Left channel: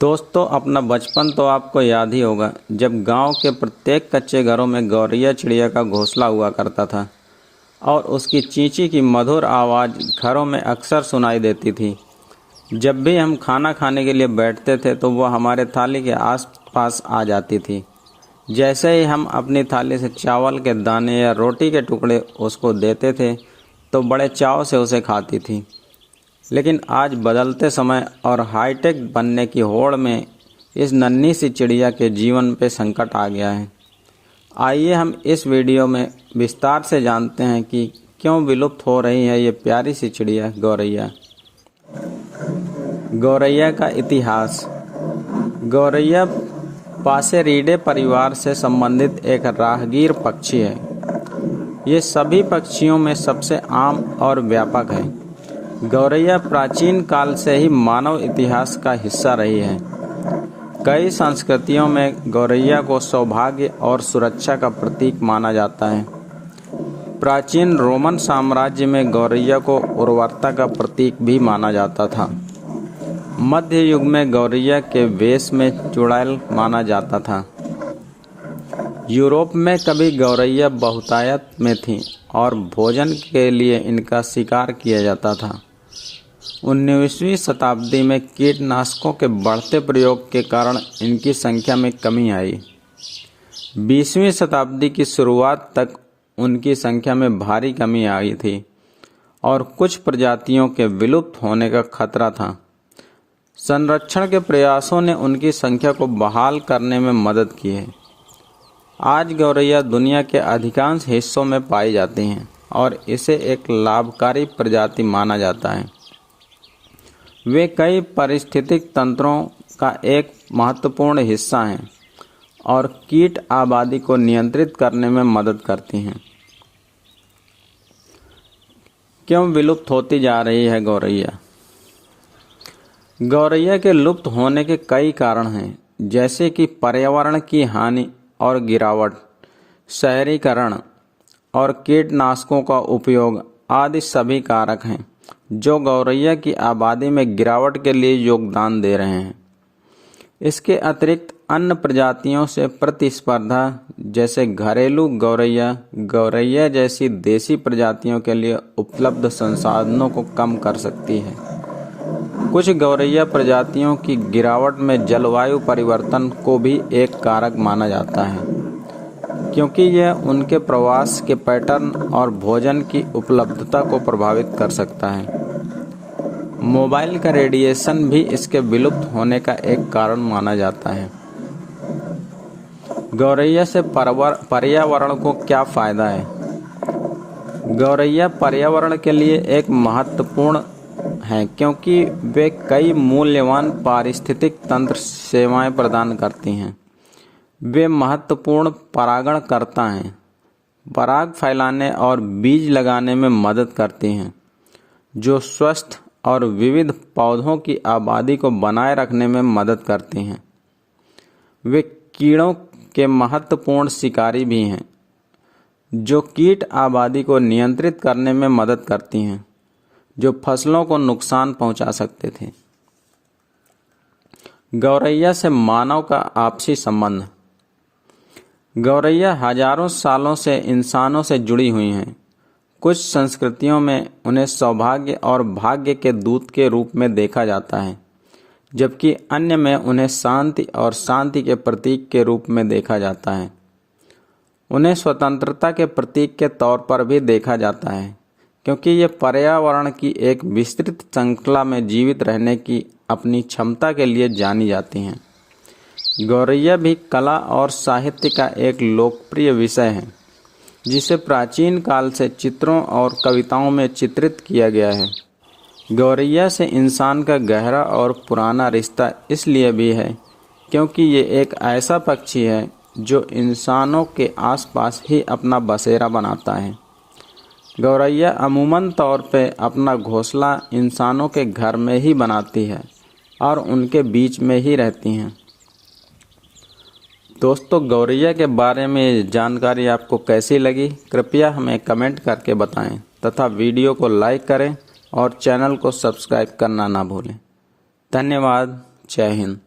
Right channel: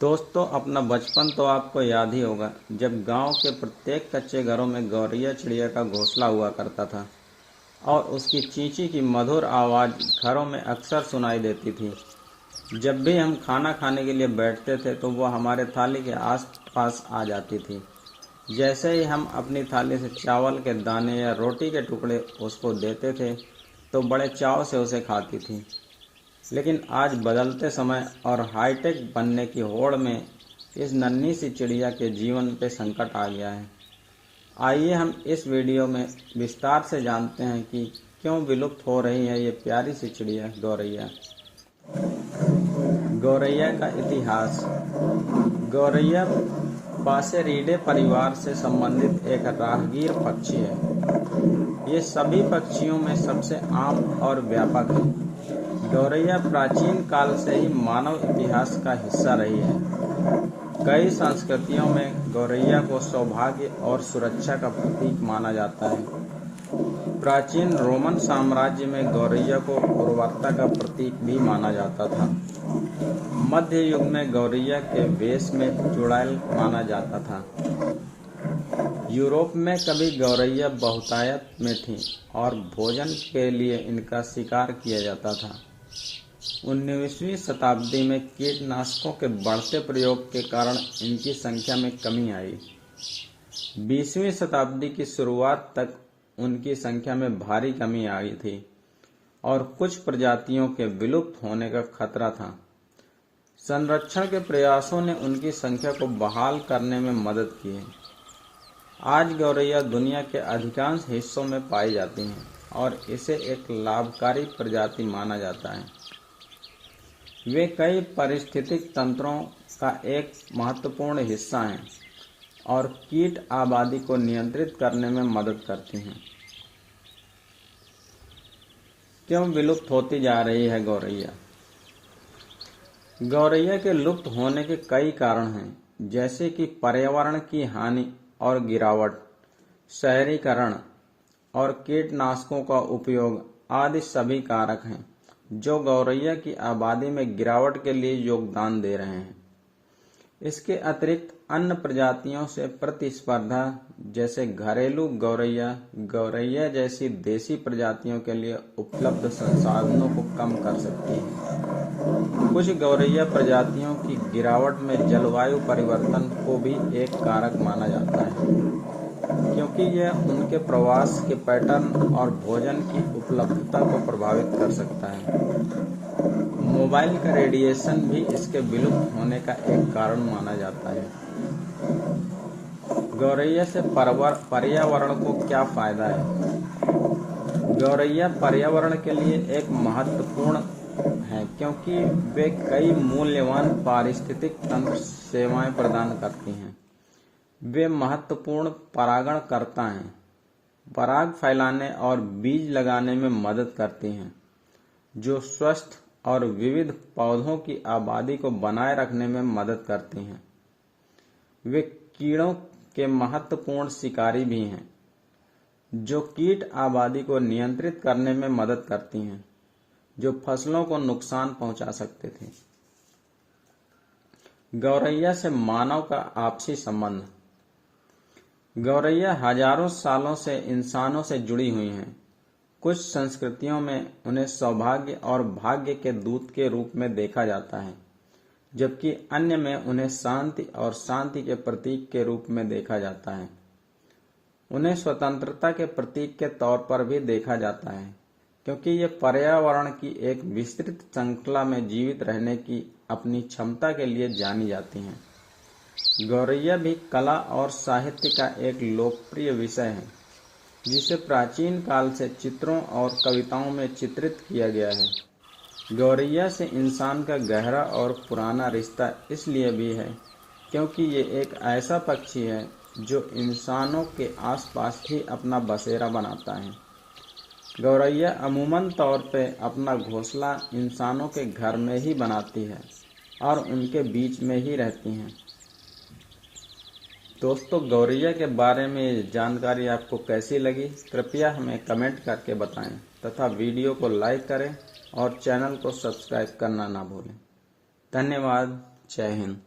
दोस्तों, अपना बचपन तो आपको याद ही होगा जब गांव के प्रत्येक कच्चे घरों में गौरैया चिड़िया का घोंसला हुआ करता था और उसकी चींची की मधुर आवाज़ घरों में अक्सर सुनाई देती थी। जब भी हम खाना खाने के लिए बैठते थे तो वह हमारे थाली के आस-पास आ जाती थी। जैसे ही हम अपनी थाली से चावल के दाने या रोटी के टुकड़े उसको देते थे तो बड़े चाव से उसे खाती थी। लेकिन आज बदलते समय और हाईटेक बनने की होड़ में इस नन्ही सी चिड़िया के जीवन पे संकट आ गया है। आइए हम इस वीडियो में विस्तार से जानते हैं कि क्यों विलुप्त हो रही है ये प्यारी सी चिड़िया गौरैया। गौरैया का इतिहास। गौरैया पासेरीडे परिवार से संबंधित एक राहगीर पक्षी है। ये सभी पक्षियों में सबसे आम और व्यापक है। गौरैया प्राचीन काल से ही मानव इतिहास का हिस्सा रही है। कई संस्कृतियों में गौरैया को सौभाग्य और सुरक्षा का प्रतीक माना जाता है। प्राचीन रोमन साम्राज्य में गौरैया को उर्वरता का प्रतीक भी माना जाता था। मध्य युग में गौरैया के वेश में चुड़ैल माना जाता था। यूरोप में कभी गौरैया बहुतायत में थीं और भोजन के लिए इनका शिकार किया जाता था। 19वीं शताब्दी में कीटनाशकों के बढ़ते प्रयोग के कारण इनकी संख्या में कमी आई। 20वीं शताब्दी की शुरुआत तक उनकी संख्या में भारी कमी आई थी और कुछ प्रजातियों के विलुप्त होने का खतरा था। संरक्षण के प्रयासों ने उनकी संख्या को बहाल करने में मदद की है। आज गौरैया दुनिया के अधिकांश हिस्सों में पाई जाती हैं और इसे एक लाभकारी प्रजाति माना जाता है। वे कई पारिस्थितिक तंत्रों का एक महत्वपूर्ण हिस्सा हैं और कीट आबादी को नियंत्रित करने में मदद करती हैं। क्यों विलुप्त होती जा रही है गौरैया? गौरैया के लुप्त होने के कई कारण हैं, जैसे कि पर्यावरण की हानि और गिरावट, शहरीकरण और कीटनाशकों का उपयोग आदि सभी कारक हैं जो गौरैया की आबादी में गिरावट के लिए योगदान दे रहे हैं। इसके अतिरिक्त अन्य प्रजातियों से प्रतिस्पर्धा, जैसे घरेलू गौरैया, गौरैया जैसी देसी प्रजातियों के लिए उपलब्ध संसाधनों को कम कर सकती है। कुछ गौरैया प्रजातियों की गिरावट में जलवायु परिवर्तन को भी एक कारक माना जाता है, क्योंकि यह उनके प्रवास के पैटर्न और भोजन की उपलब्धता को प्रभावित कर सकता है। मोबाइल का रेडिएशन भी इसके विलुप्त होने का एक कारण माना जाता है। गौरैया से पर्यावरण को क्या फायदा है? गौरैया पर्यावरण के लिए एक महत्वपूर्ण है क्योंकि वे कई मूल्यवान पारिस्थितिक तंत्र सेवाएं प्रदान करती हैं। वे महत्वपूर्ण परागणकर्ता हैं, पराग फैलाने और बीज लगाने में मदद करती हैं, जो स्वस्थ और विविध पौधों की आबादी को बनाए रखने में मदद करती हैं। वे कीड़ों के महत्वपूर्ण शिकारी भी हैं, जो कीट आबादी को नियंत्रित करने में मदद करती हैं, जो फसलों को नुकसान पहुंचा सकते थे। गौरैया से मानव का आपसी संबंध। गौरैया हजारों सालों से इंसानों से जुड़ी हुई हैं। कुछ संस्कृतियों में उन्हें सौभाग्य और भाग्य के दूत के रूप में देखा जाता है, जबकि अन्य में उन्हें शांति और शांति के प्रतीक के रूप में देखा जाता है। उन्हें स्वतंत्रता के प्रतीक के तौर पर भी देखा जाता है, क्योंकि ये पर्यावरण की एक विस्तृत श्रृंखला में जीवित रहने की अपनी क्षमता के लिए जानी जाती हैं। गौरैया भी कला और साहित्य का एक लोकप्रिय विषय है, जिसे प्राचीन काल से चित्रों और कविताओं में चित्रित किया गया है। गौरैया से इंसान का गहरा और पुराना रिश्ता इसलिए भी है क्योंकि ये एक ऐसा पक्षी है जो इंसानों के आसपास ही अपना बसेरा बनाता है। गौरैया अमूमन तौर पे अपना घोंसला इंसानों के घर में ही बनाती है और उनके बीच में ही रहती हैं। दोस्तों, गौरैया के बारे में जानकारी आपको कैसी लगी, कृपया हमें कमेंट करके बताएं तथा वीडियो को लाइक करें और चैनल को सब्सक्राइब करना ना भूलें। धन्यवाद। जय हिंद।